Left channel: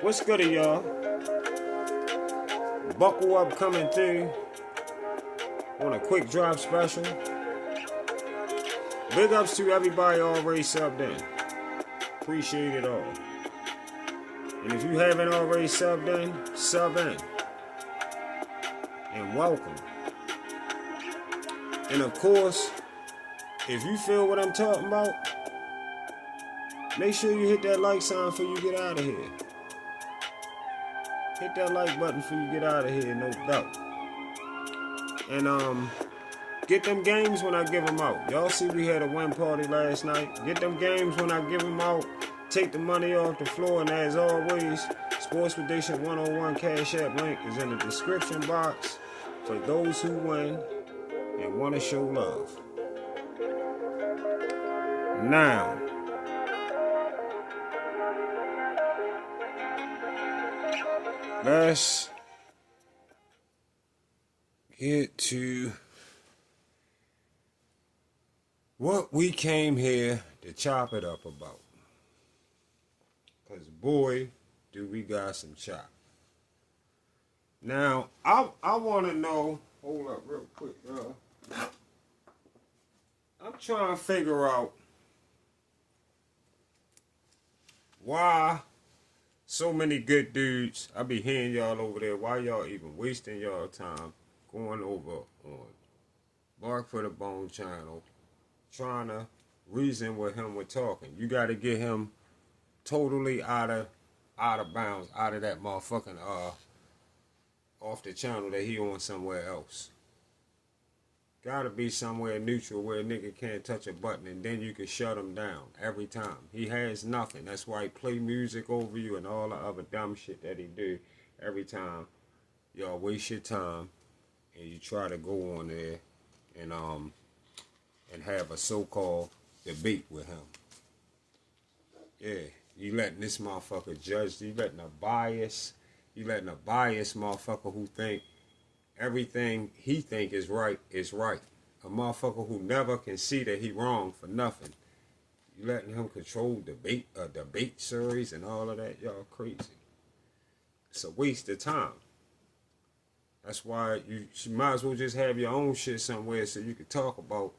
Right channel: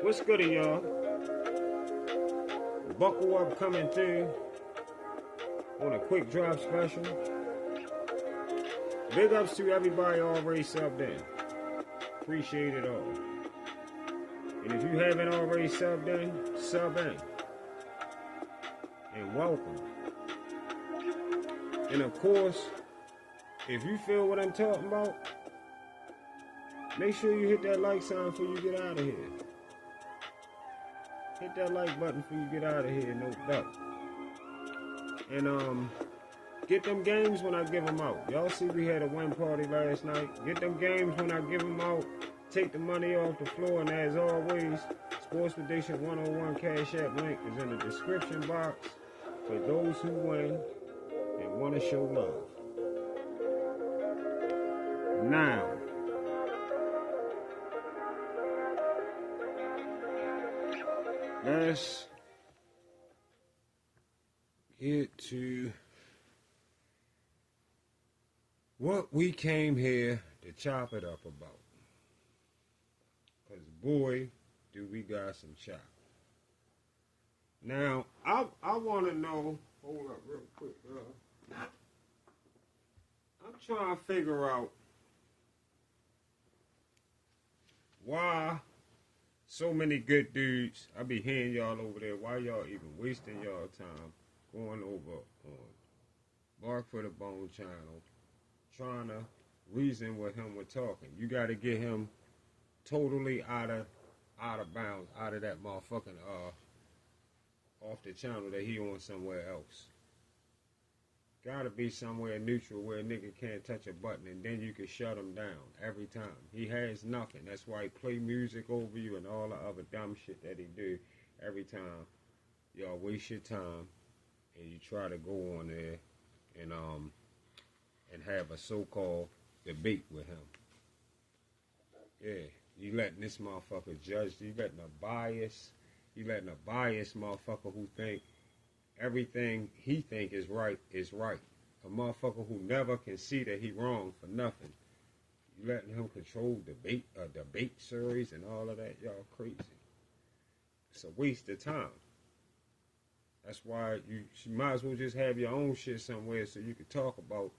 What's good, y'all? Buckle up coming through on a quick drop special. Big ups to everybody already subbed in. Appreciate it all. And if you haven't already subbed in, sub in. And welcome. And of course, if you feel what I'm talking about, make sure you hit that like sign before you get out of here. Hit that like button before you get out of here, no doubt. And get them games when I give them out. Y'all see we had a win party last night. Get them games when I give them out. Take the money off the floor, and as always, Sports Prediction 101 Cash App link is in the description box for those who win and want to show love. Now, let's get to what we came here to chop it up about. Because boy, do we got some chop. Now, I want to know, hold up real quick, I'm trying to figure out why so many good dudes, I be hearing y'all over there, why y'all even wasting y'all time going over on Bark for the Bone channel, trying to reason with him with talking. You got to get him totally out of bounds, out of that motherfucking off the channel that he on somewhere else. Gotta be somewhere neutral where a nigga can't touch a button, and then you can shut him down every time. He has nothing. That's why he play music over you and all the other dumb shit that he do every time. Y'all waste your time and you try to go on there and have a so-called debate with him. Yeah, you letting this motherfucker judge. You letting a biased motherfucker who think everything he think is right is right. A motherfucker who never can see that he wrong for nothing. You letting him control debate series and all of that. Y'all crazy. It's a waste of time. That's why you might as well just have your own shit somewhere so you can talk about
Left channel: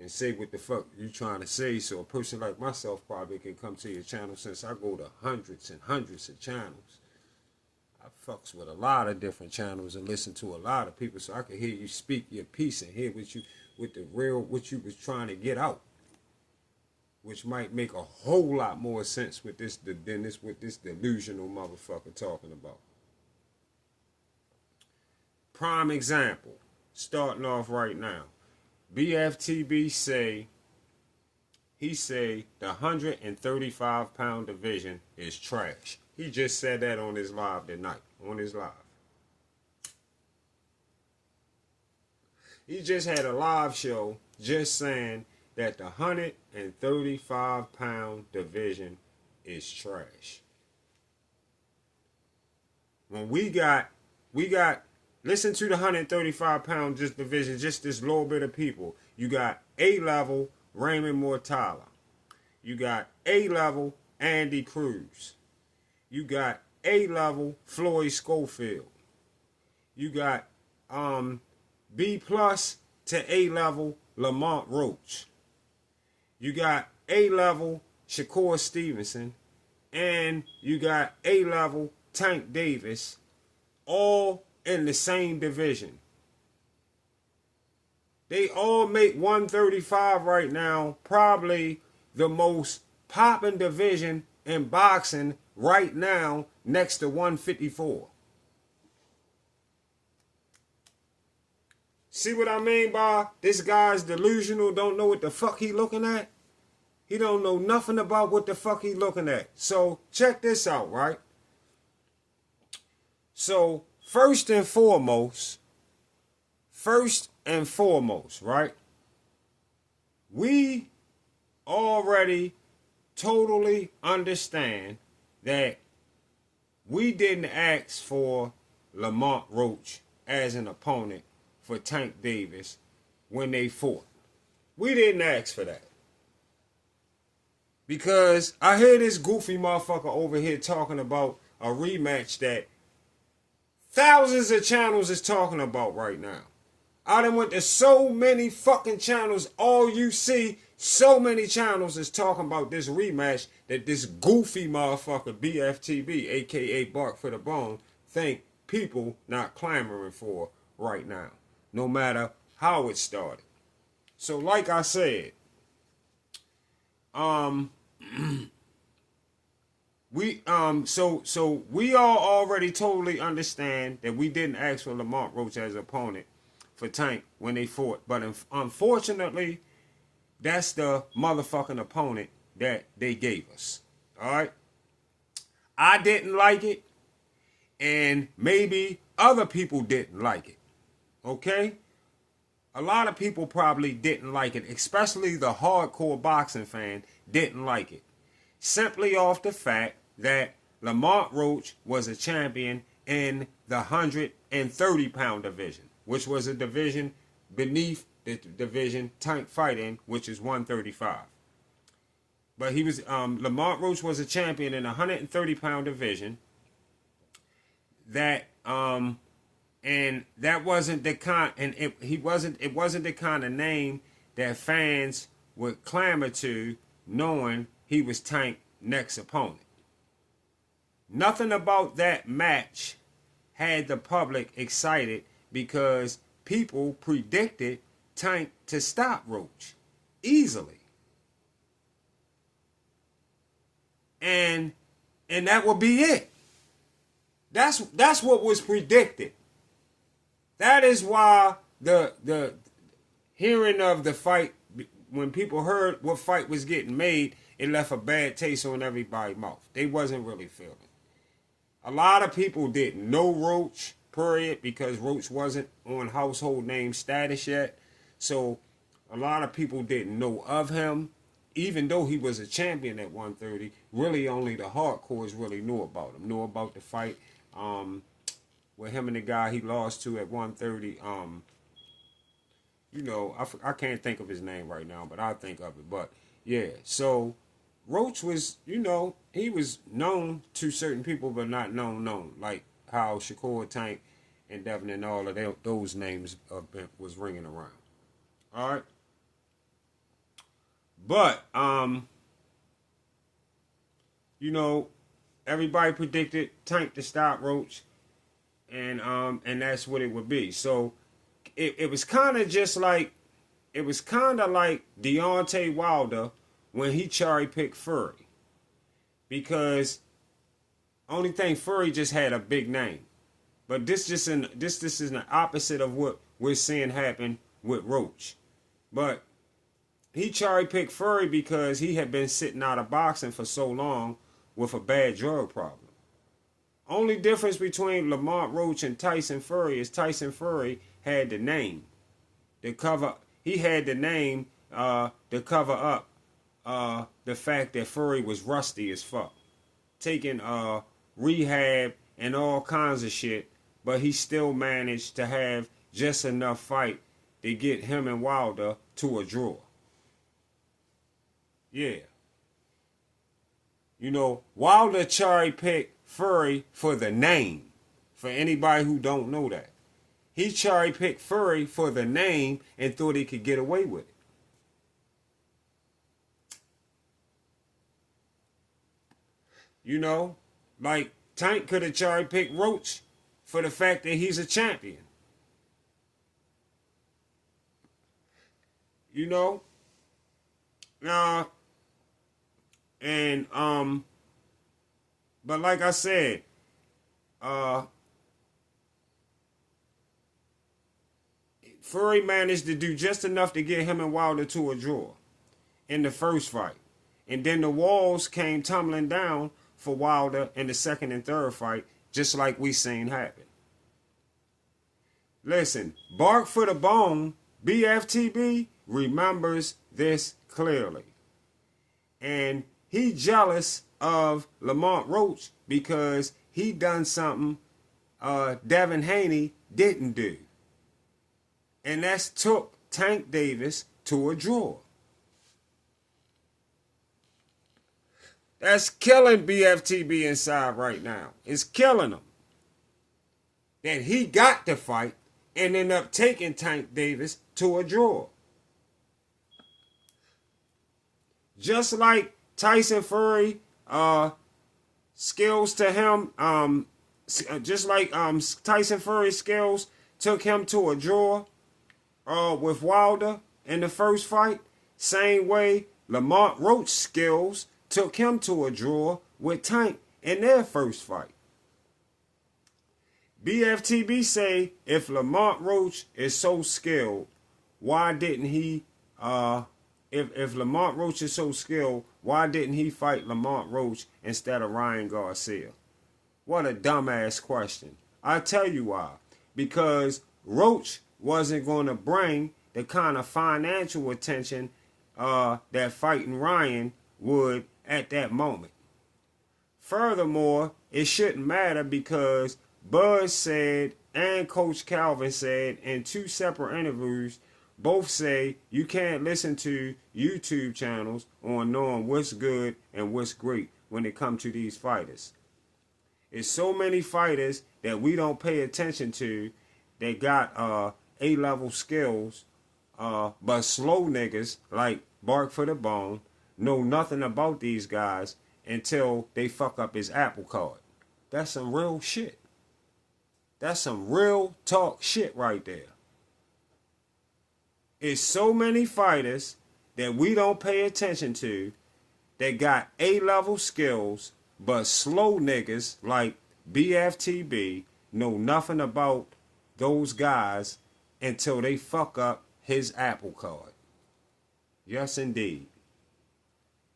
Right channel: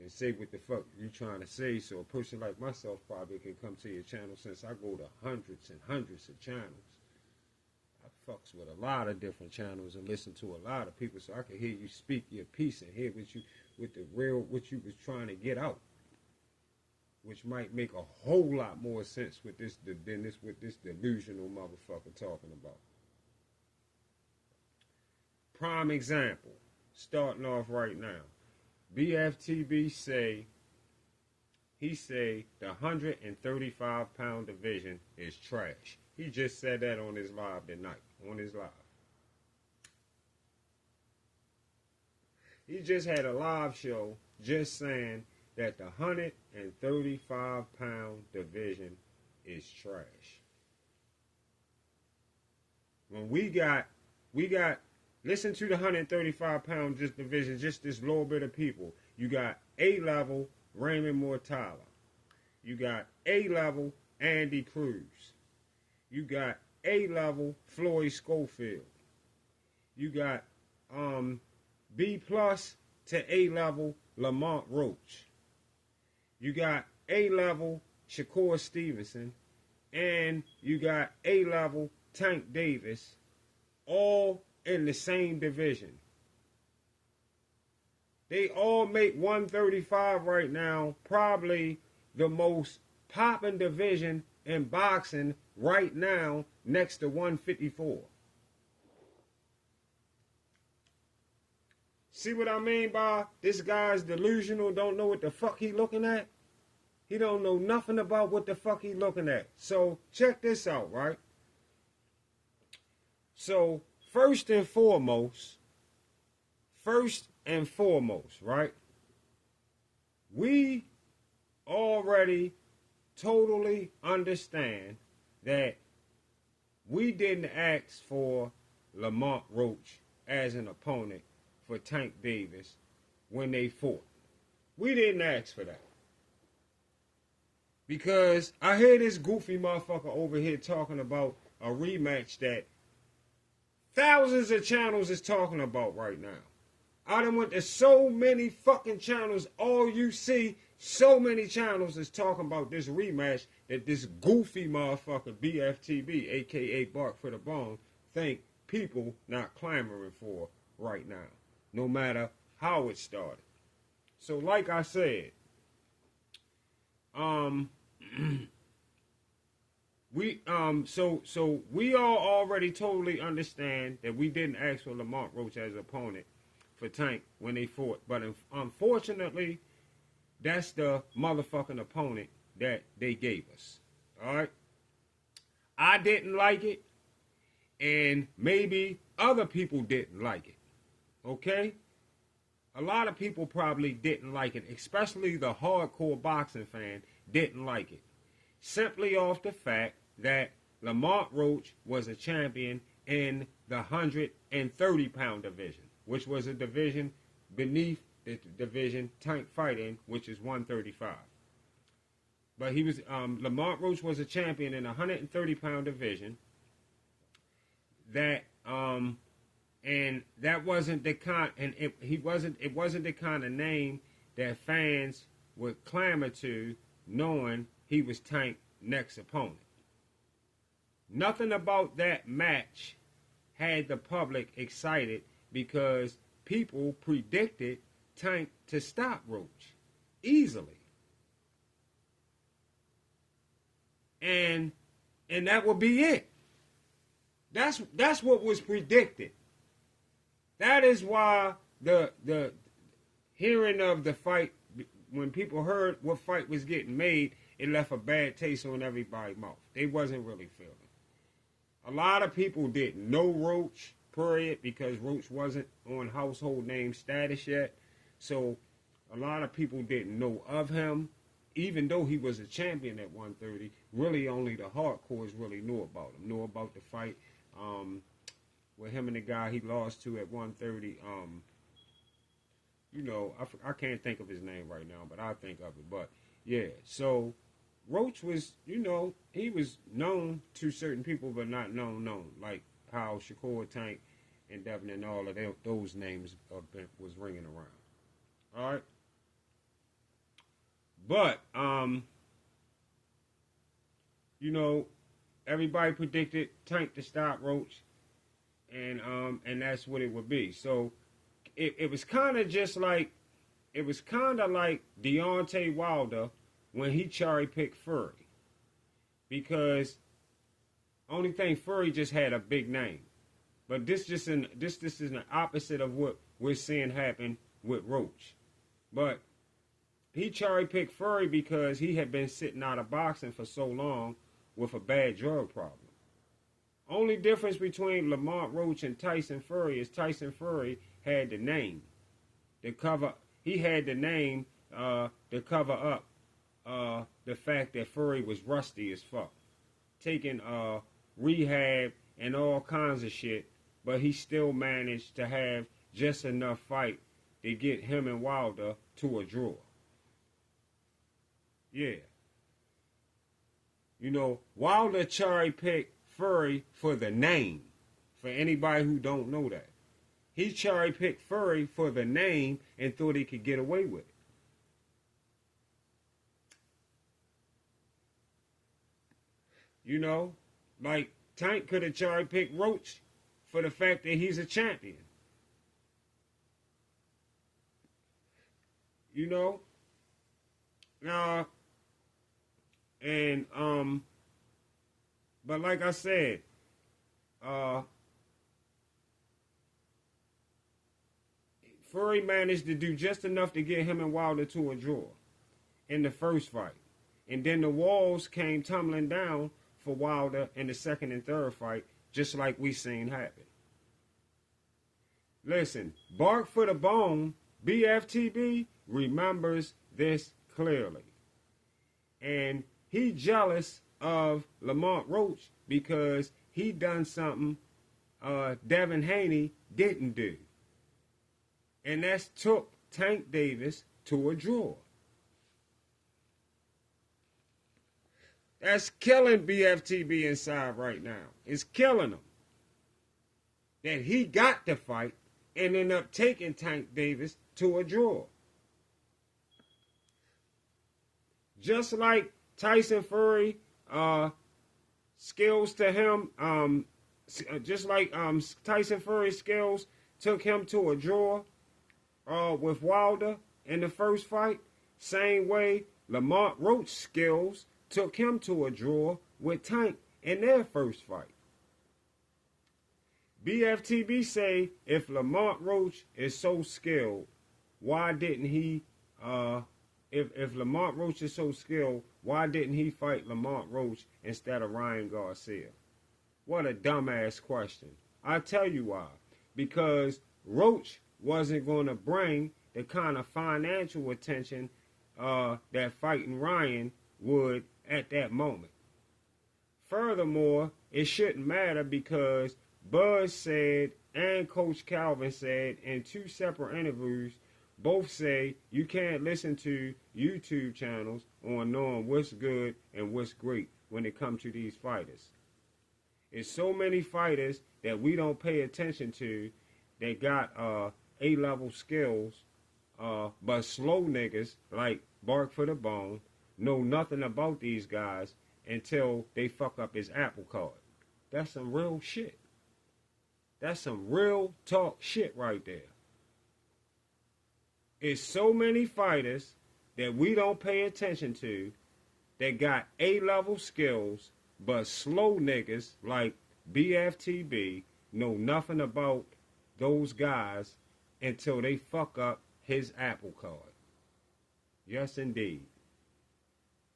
and say what the fuck you trying to say, so a person like myself probably can come to your channel, since I go to hundreds and hundreds of channels. I fucks with a lot of different channels and listen to a lot of people, so I can hear you speak your piece and hear what you was trying to get out, which might make a whole lot more sense with this than what this delusional motherfucker talking about. Prime example, starting off right now. BFTB say the 135-pound division is trash. He just said that on his live tonight. He just had a live show just saying that the 135-pound division is trash. When we got listen to the 135-pound division, just this little bit of people. You got A-level Raymond Mortala. You got A-level Andy Cruz. You got A-level Floyd Schofield. You got B+ to A-level Lamont Roach. You got A-level Shakur Stevenson. And you got A-level Tank Davis. All in the same division. They all make 135 right now, probably the most popping division in boxing right now, next to 154. See what I mean by this guy's delusional, don't know what the fuck he looking at? He don't know nothing about what the fuck he looking at. So check this out, right? So First and foremost, right? We already totally understand that we didn't ask for Lamont Roach as an opponent for Tank Davis when they fought. We didn't ask for that. Because I hear this goofy motherfucker over here talking about a rematch that thousands of channels is talking about right now. I done went to so many fucking channels. All you see, so many channels is talking about this rematch that this goofy motherfucker BFTB, aka Bark for the Bone, think people not clamoring for right now, no matter how it started. So like I said, we we all already totally understand that we didn't ask for Lamont Roach as opponent for Tank when they fought, but unfortunately, that's the motherfucking opponent that they gave us. All right, I didn't like it, and maybe other people didn't like it. Okay, a lot of people probably didn't like it, especially the hardcore boxing fan didn't like it, simply off the fact that Lamont Roach was a champion in the 130-pound division, which was a division beneath the division Tank fighting, which is 135. But he was Lamont Roach was a champion in the 130-pound division. That and that wasn't the kind, and it wasn't the kind of name that fans would clamor to, knowing he was Tank's next opponent. Nothing about that match had the public excited because people predicted Tank to stop Roach easily. And that would be it. That's what was predicted. That is why the hearing of the fight, when people heard what fight was getting made, it left a bad taste on everybody's mouth. They wasn't really feeling. A lot of people didn't know Roach, period, because Roach wasn't on household name status yet. So a lot of people didn't know of him, even though he was a champion at 130. Really, only the hardcores really knew about him, knew about the fight with him and the guy he lost to at 130. I can't think of his name right now, but I'll think of it. But yeah, so Roach was, he was known to certain people, but not known, like how Shakur, Tank, and Devin and all of those names was ringing around. All right. But, everybody predicted Tank to stop Roach, and that's what it would be. So it was kind of just like, it was kind of like Deontay Wilder when he cherry-picked Fury. Because only thing, Fury just had a big name. But this is the opposite of what we're seeing happen with Roach. But he cherry-picked Fury because he had been sitting out of boxing for so long with a bad drug problem. Only difference between Lamont Roach and Tyson Fury is Tyson Fury had the name. He had the name to cover up the fact that Fury was rusty as fuck. Taking rehab and all kinds of shit, but he still managed to have just enough fight to get him and Wilder to a draw. Yeah. Wilder cherry-picked Fury for the name. For anybody who don't know that. He cherry-picked Fury for the name and thought he could get away with it. Like Tank could have cherry-picked Roach for the fact that he's a champion. But like I said, Fury managed to do just enough to get him and Wilder to a draw in the first fight. And then the walls came tumbling down for Wilder in the second and third fight, just like we seen happen. Listen, Bark for the Bone, BFTB, remembers this clearly. And he jealous of Lamont Roach because he done something Devin Haney didn't do. And that's took Tank Davis to a draw. That's killing BFTB inside right now. It's killing him. That he got to fight and ended up taking Tank Davis to a draw. Just like Tyson Fury, skills to him, just like Tyson Fury's skills took him to a draw with Wilder in the first fight, same way Lamont Roach's skills took him to a draw with Tank in their first fight. BFTB say if Lamont Roach is so skilled, why didn't he if Lamont Roach is so skilled, why didn't he fight Lamont Roach instead of Ryan Garcia? What a dumbass question. I tell you why. Because Roach wasn't going to bring the kind of financial attention that fighting Ryan would at that moment. Furthermore, it shouldn't matter because Buzz said and Coach Calvin said in two separate interviews, both say you can't listen to YouTube channels on knowing what's good and what's great when it comes to these fighters. There's so many fighters that we don't pay attention to that got A-level skills, but slow niggas like Bark for the Bone know nothing about these guys until they fuck up his Apple Card. That's some real shit. That's some real talk shit right there. It's so many fighters that we don't pay attention to that got A-level skills, but slow niggas like BFTB know nothing about those guys until they fuck up his Apple Card. Yes, indeed.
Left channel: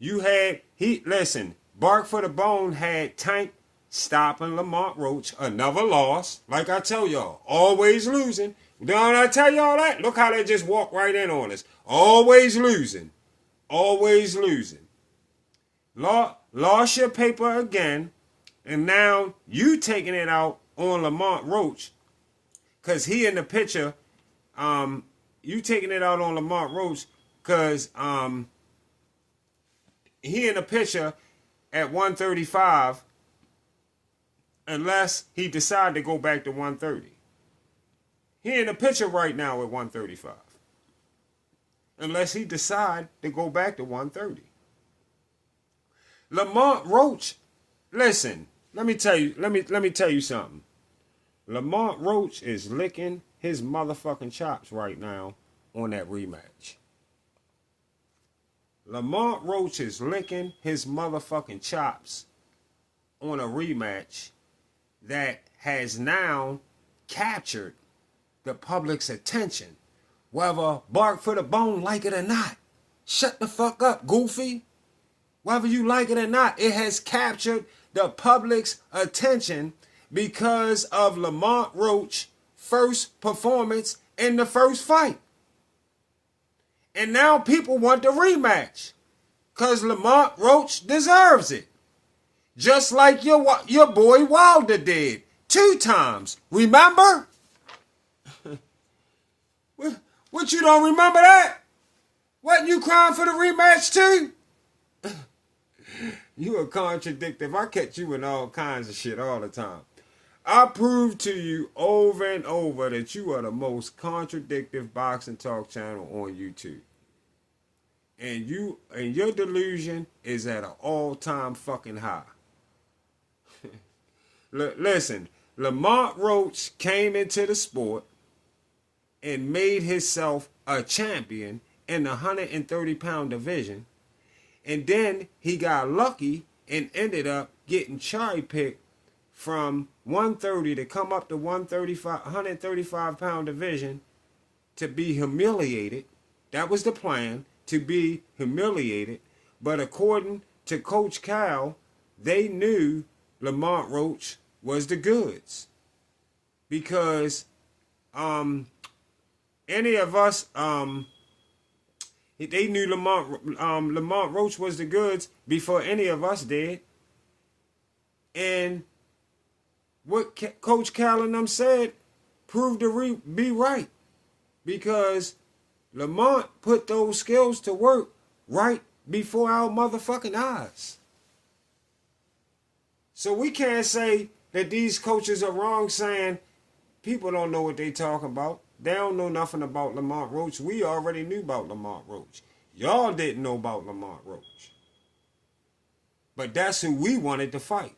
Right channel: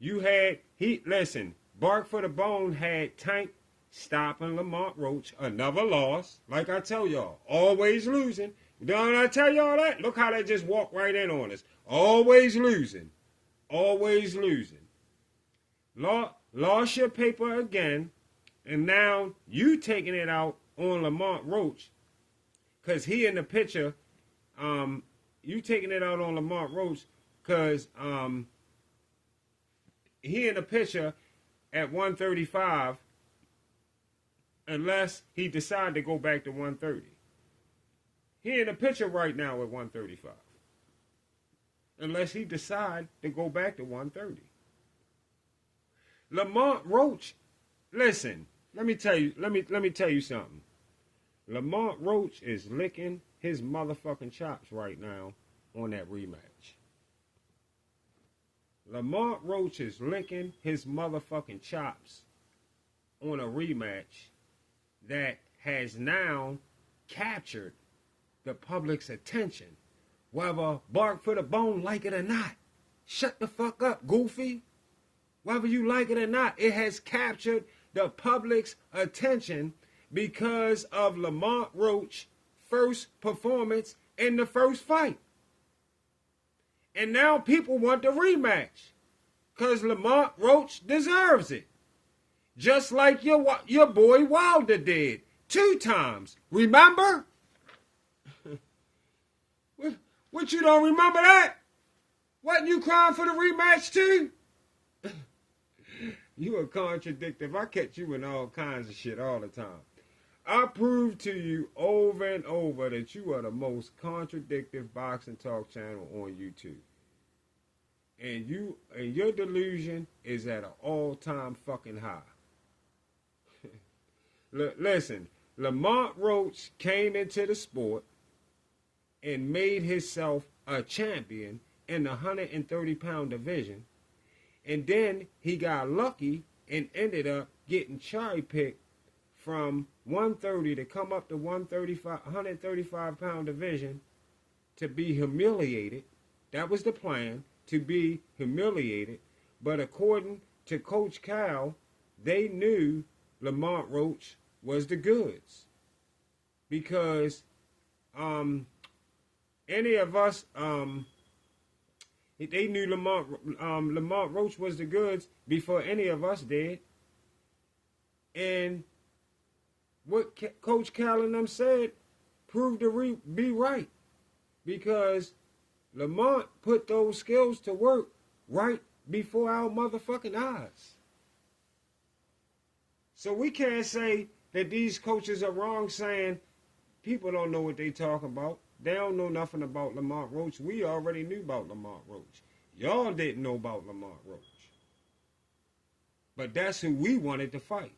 Listen, Bark for the Bone had Tank stopping Lamont Roach, another loss. Like I tell y'all, always losing. Don't I tell y'all that? Look how they just walk right in on us. Always losing. Always losing. Lost your paper again, and now you taking it out on Lamont Roach because he in the picture. You taking it out on Lamont Roach because he in the picture at 135 unless he decide to go back to 130. He in the picture right now at 135. Unless he decide to go back to 130. Lamont Roach, listen, let me tell you something. Lamont Roach is licking his motherfucking chops right now on that rematch. Lamont Roach is licking his motherfucking chops on a rematch that has now captured the public's attention, whether Bark for the Bone like it or not. Shut the fuck up, goofy. Whether you like it or not, it has captured the public's attention because of Lamont Roach's first performance in the first fight. And now people want the rematch because Lamont Roach deserves it. Just like your boy Wilder did 2 times. Remember? What, you don't remember that? Wasn't you crying for the rematch too? You a contradictive. I catch you in all kinds of shit all the time. I prove to you over and over that you are the most contradictive boxing talk channel on YouTube. And your delusion is at an all-time fucking high. Listen, Lamont Roach came into the sport and made himself a champion in the 130-pound division. And then he got lucky and ended up getting cherry-picked from 130 to come up to 135-pound division to be humiliated. That was the plan, to be humiliated. But according to Coach Cal, they knew Lamont Roach was the goods. Because any of us, they knew Lamont Roach was the goods before any of us did. And what Coach Cal and them said proved to be right. Because Lamont put those skills to work right before our motherfucking eyes. So we can't say that these coaches are wrong saying people don't know what they talk about. They don't know nothing about Lamont Roach. We already knew about Lamont Roach. Y'all didn't know about Lamont Roach. But that's who we wanted to fight.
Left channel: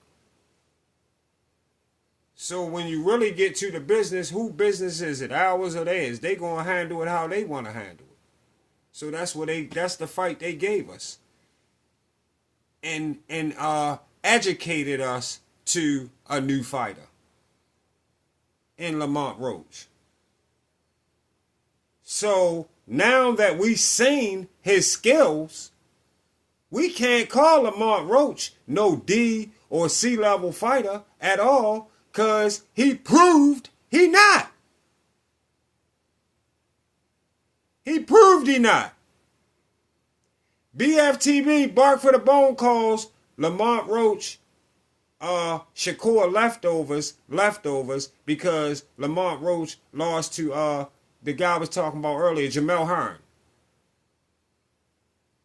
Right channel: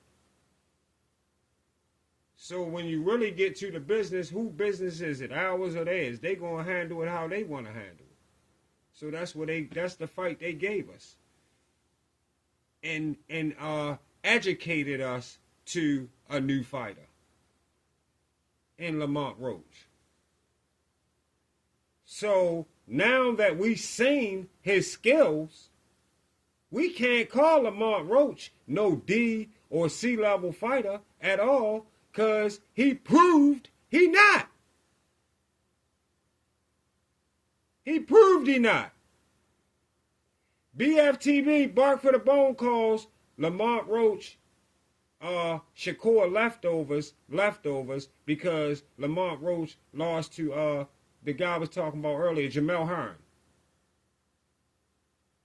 So when you really get to the business, who business is it? Ours or theirs? They gonna handle it how they want to handle it. So that's the fight they gave us. And educated us to a new fighter in Lamont Roach. So now that we've seen his skills, we can't call Lamont Roach no D or C level fighter at all, because he proved he not. He proved he not. BFTB, Bark for the Bone, calls Lamont Roach Shakur leftovers because Lamont Roach lost to the guy I was talking about earlier, Jamel Hearn.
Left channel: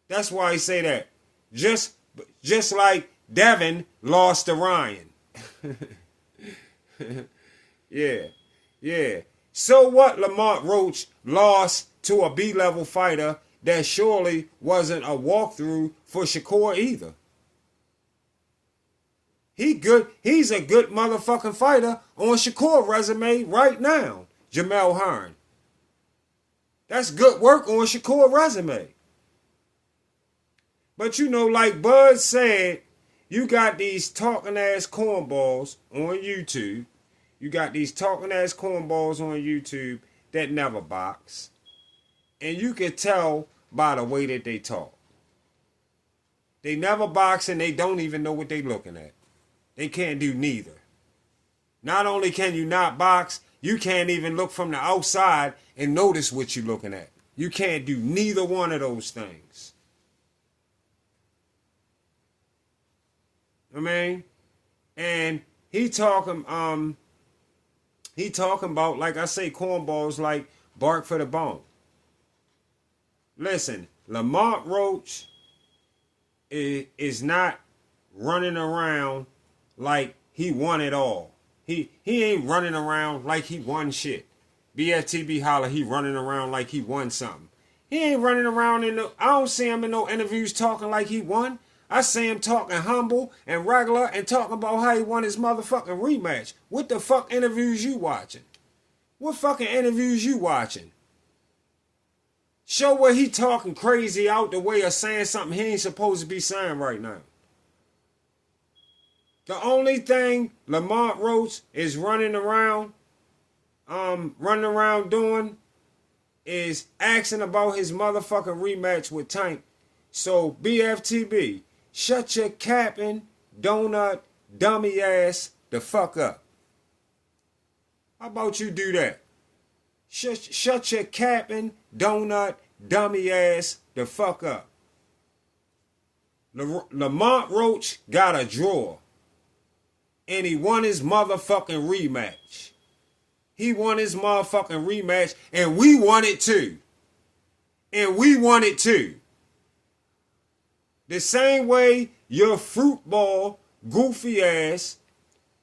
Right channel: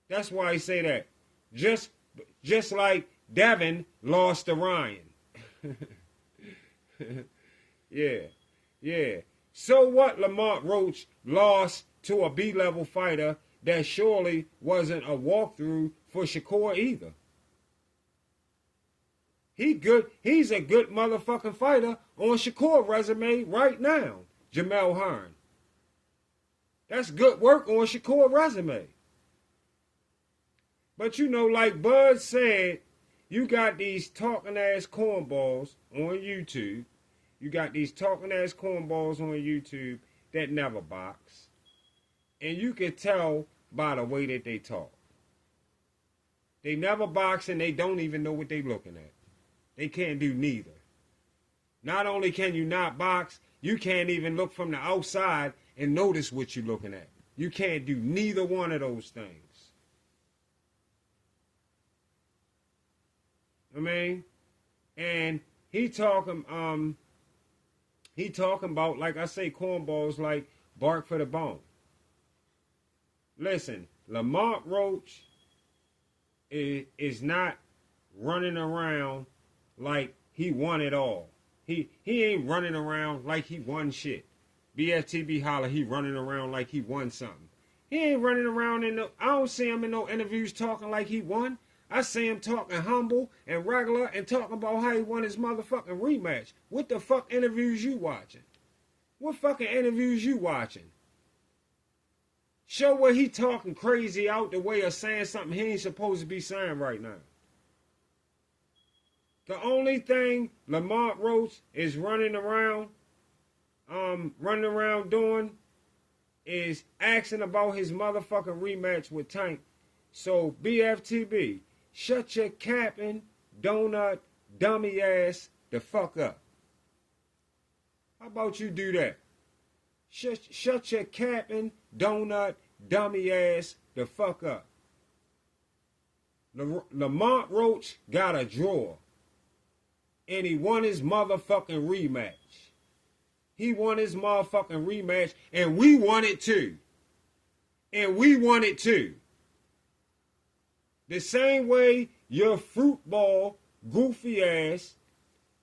That's why he say that. Just like Devin lost to Ryan. Yeah. So what? Lamont Roach lost to a B-level fighter that surely wasn't a walkthrough for Shakur either. He's a good motherfucking fighter on Shakur resume right now, Jamel Hearn. That's good work on Shakur resume. But you know, like Bud said, you got these talking ass cornballs on YouTube. You got these talking ass cornballs on YouTube that never box. And you can tell by the way that they talk. They never box and they don't even know what they're looking at. They can't do neither. Not only can you not box, you can't even look from the outside and notice what you're looking at. You can't do neither one of those things. I mean, and he talking about, like I say, cornballs like Bark for the Bone. Listen, Lamont Roach is not running around like he won it all. He ain't running around like he won shit. BFTB holler, he running around like he won something. He ain't running around I don't see him in no interviews talking like he won. I see him talking humble and regular and talking about how he won his motherfucking rematch. What the fuck interviews you watching? What fucking interviews you watching? Show where he talking crazy out the way of saying something he ain't supposed to be saying right now. The only thing Lamont Roach is running around doing is asking about his motherfucking rematch with Tank. So BFTB, shut your capping, donut, dummy ass the fuck up. How about you do that? Shut your capping, donut, dummy ass the fuck up. Lamont Roach got a draw. And he won his motherfucking rematch. He won his motherfucking rematch, and we won it too. The same way your fruitball goofy ass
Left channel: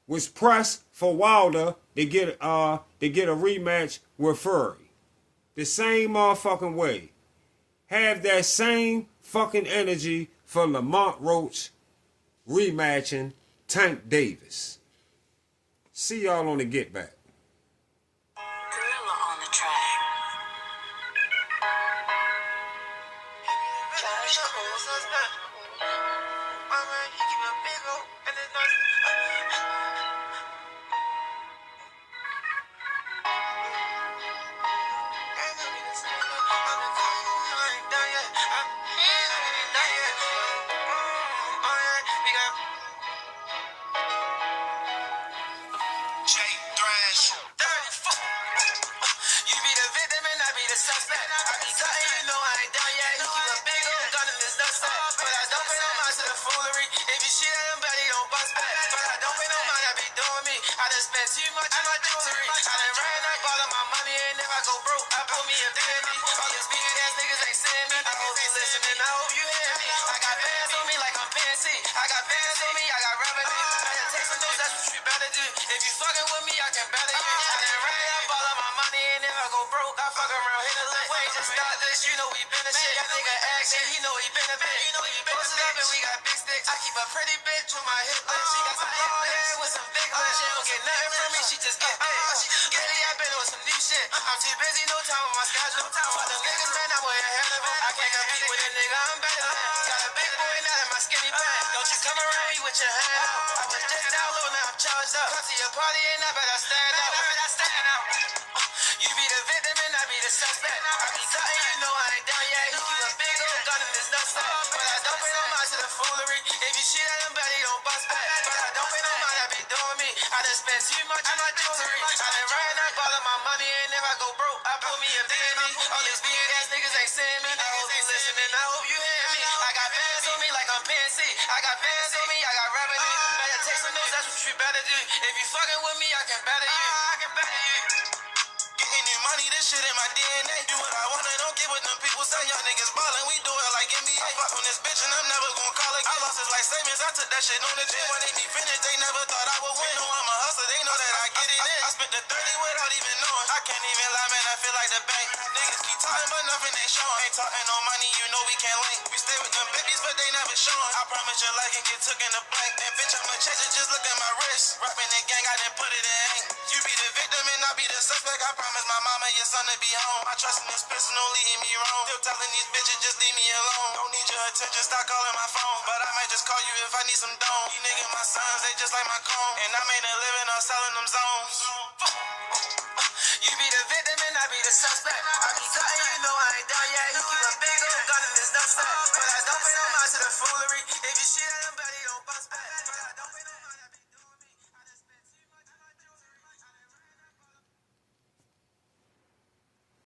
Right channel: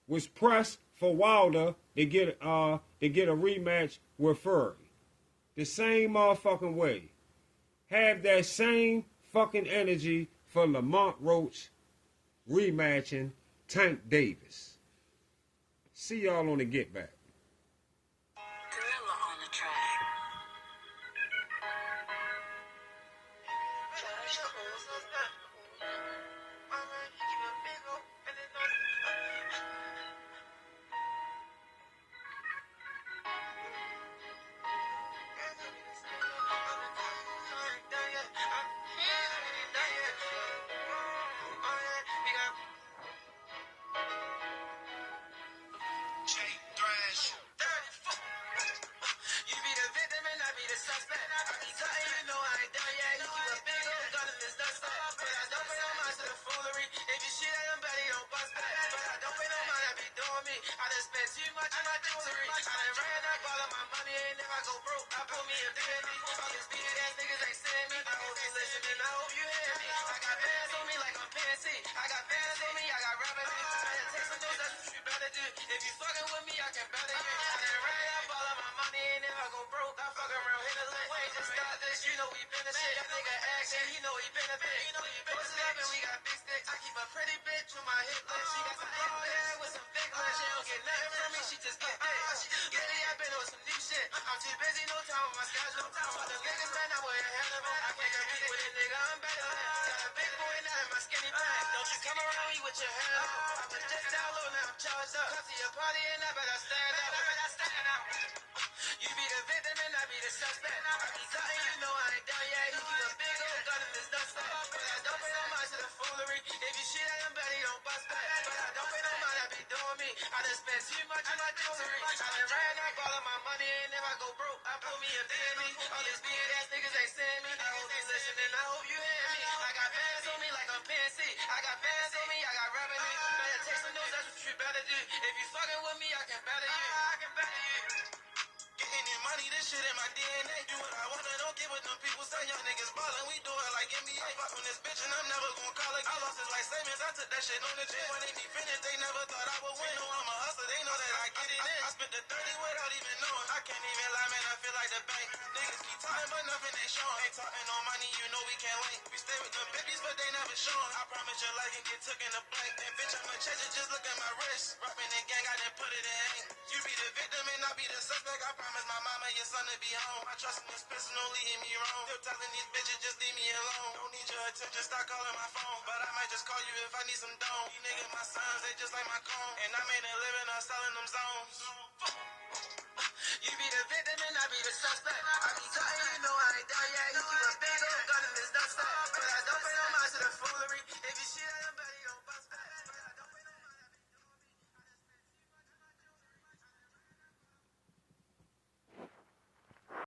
was pressed for Wilder to get a rematch with Fury. The same motherfucking way. Have that same fucking energy for Lamont Roach rematching Tank Davis. See y'all on the Get Back. Gorilla on the track. Josh Cole. you know we been a shit. That nigga action, he know he been a bitch. You know he posted up and we got big sticks. I keep a pretty bitch on my hip list. She got some long hair with some big lips. She don't get nothing from me, she just get big. Lately I been on some new shit. I'm too busy, no time on my schedule. Fuck them niggas, man, I'm way ahead of them. I can't compete with a nigga, I'm better than him. Got a big boy now in my skinny pants. Don't you come around me with your hand out. I was just down low, now I'm charged up. Come to your party and I better stand out. You be the victim and I be the suspect. I be cutting, you know I ain't done yet. He keep a big old gun in his nutsack. But I don't pay no mind to the foolery. If you shit at him, bet he don't bust back. But I don't pay no mind, I be doing me. I done spent too much on my jewelry. I done ran up all of my money and if I go broke, I pull me a BME. All these big ass niggas ain't seeing me. I hope you listening, I hope you hear me. I got bands on me like I'm PNC. I got bands on me, I got revenue. Better take some notes, that's what you better do. If you fucking with me, I can better you. Getting this money, this shit in my DNA. Do what I wanna, don't get what them people say. Young niggas ballin', we do it like NBA. I fuck on this bitch and I'm never gon' call again. I lost his life savings, I took that shit on the chin. When they be finished, they never thought I would win. Know I'm a hustler, they know that I get it in. I spent the 30 without even knowing. I can't even lie, man, I feel like the bank. Niggas keep talking, but nothing ain't showing. Ain't talking no money, you know we can't link. We stay with them babies, but they never showing. I promise your life can get took in the blank. And bitch, I'ma change it, just look at my wrist. Rapping the gang, I done put it in ink. You be the victim and I be the suspect. I promise my mama, your son to be home. I trust in this pistol, no leading me wrong. Still telling these bitches, just leave me alone. Don't need your attention, stop calling my phone. But I might just call you if I need some dome. These niggas my sons, they just like my cone. And I made a living on selling them zones. You be the victim and I be the suspect. I be cutting, you know I ain't done yet. He keep a big old gun in his nutsack. But I don't pay no mind to the foolery. If you shit